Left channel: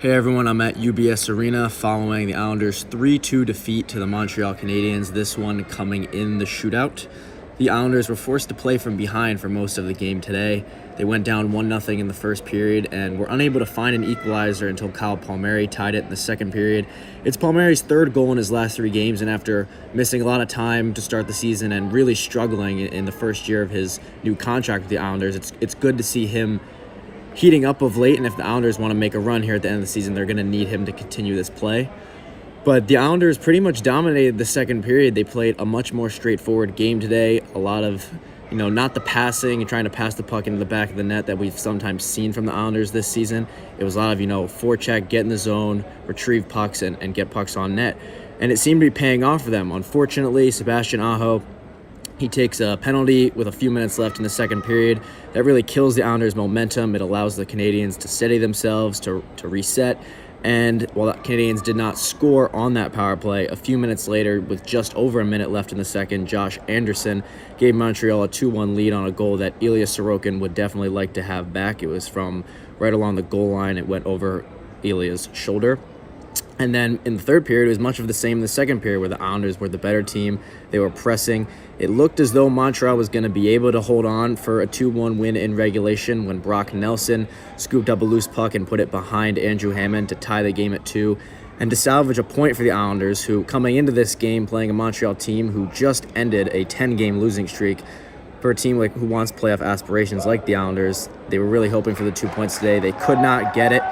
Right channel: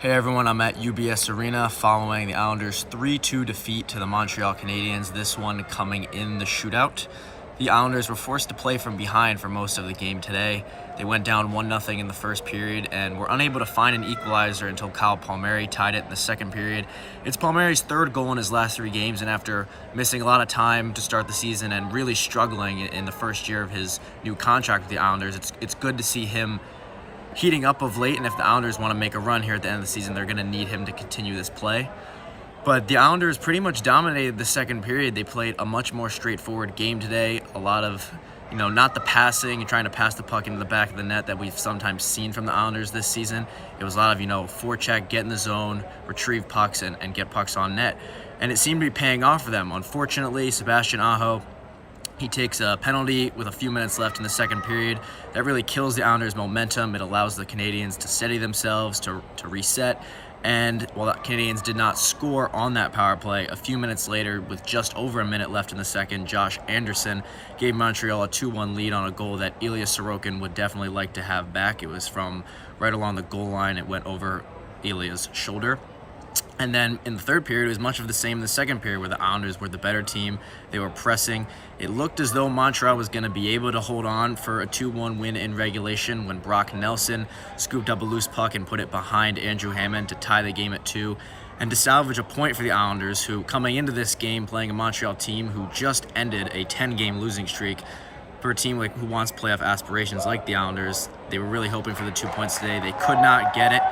Hey everyone, I'm at UBS Arena following the Islanders' 3-2 defeat to the Montreal Canadiens, this one coming in the shootout. The Islanders were forced to play from behind for most of the game today. They went down 1-0 in the first period and were unable to find an equalizer until Kyle Palmieri tied it in the second period. It's Palmieri's third goal in his last 3 games, and after missing a lot of time to start the season and really struggling in the first year of his new contract with the Islanders, it's good to see him heating up of late, and if the Islanders want to make a run here at the end of the season, they're going to need him to continue this play. But the Islanders pretty much dominated the second period. They played a much more straightforward game today. A lot of, not the passing and trying to pass the puck into the back of the net that we've sometimes seen from the Islanders this season. It was a lot of, forecheck, get in the zone, retrieve pucks, and get pucks on net. And it seemed to be paying off for them. Unfortunately, Sebastian Aho, he takes a penalty with a few minutes left in the second period. That really kills the Islanders' momentum. It allows the Canadiens to steady themselves, to reset. And while the Canadiens did not score on that power play, a few minutes later, with just over a minute left in the second, Josh Anderson gave Montreal a 2-1 lead on a goal that Ilya Sorokin would definitely like to have back. It was from right along the goal line. It went over Ilya's shoulder. And then in the third period, it was much of the same in the second period, where the Islanders were the better team. They were pressing. It looked as though Montreal was going to be able to hold on for a 2-1 win in regulation when Brock Nelson scooped up a loose puck and put it behind Andrew Hammond to tie the game at 2 and to salvage a point for the Islanders, who, coming into this game, playing a Montreal team who just ended a 10-game losing streak. For a team who wants playoff aspirations like the Islanders, they were really hoping for the 2 points today. They could not get it.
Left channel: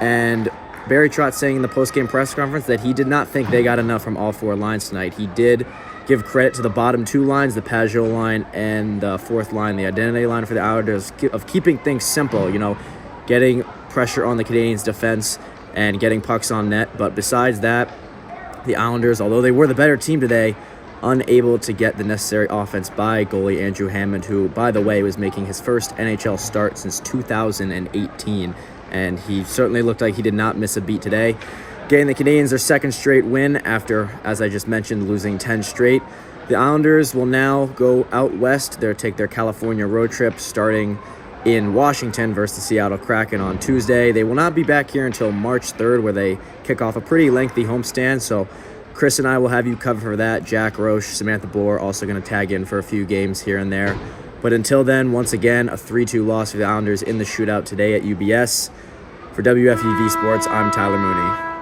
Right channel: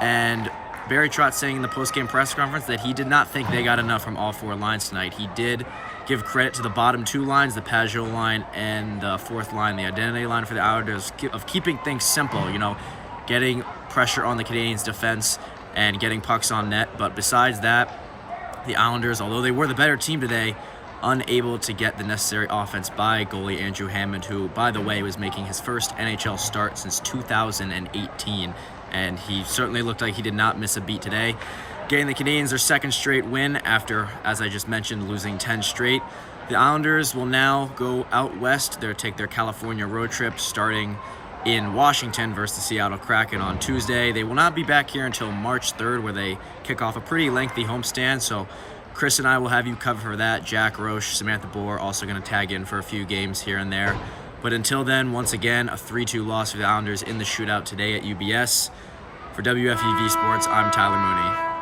And Barry Trotz saying in the post-game press conference that he did not think they got enough from all 4 lines tonight. He did give credit to the bottom 2 lines, the Pajot line and the 4th line, the identity line for the Islanders, of keeping things simple, getting pressure on the Canadiens' defense and getting pucks on net. But besides that, the Islanders, although they were the better team today, unable to get the necessary offense by goalie Andrew Hammond, who, by the way, was making his first NHL start since 2018. And he certainly looked like he did not miss a beat today, getting the Canadiens their second straight win after, as I just mentioned, losing 10 straight. The Islanders will now go out west. They'll take their California road trip starting in Washington versus the Seattle Kraken on Tuesday. They will not be back here until March 3rd, where they kick off a pretty lengthy homestand. So Chris and I will have you covered for that. Jack Roche, Samantha Bohr also going to tag in for a few games here and there. But until then, once again, a 3-2 loss for the Islanders in the shootout today at UBS. For WFUV Sports, I'm Tyler Mooney.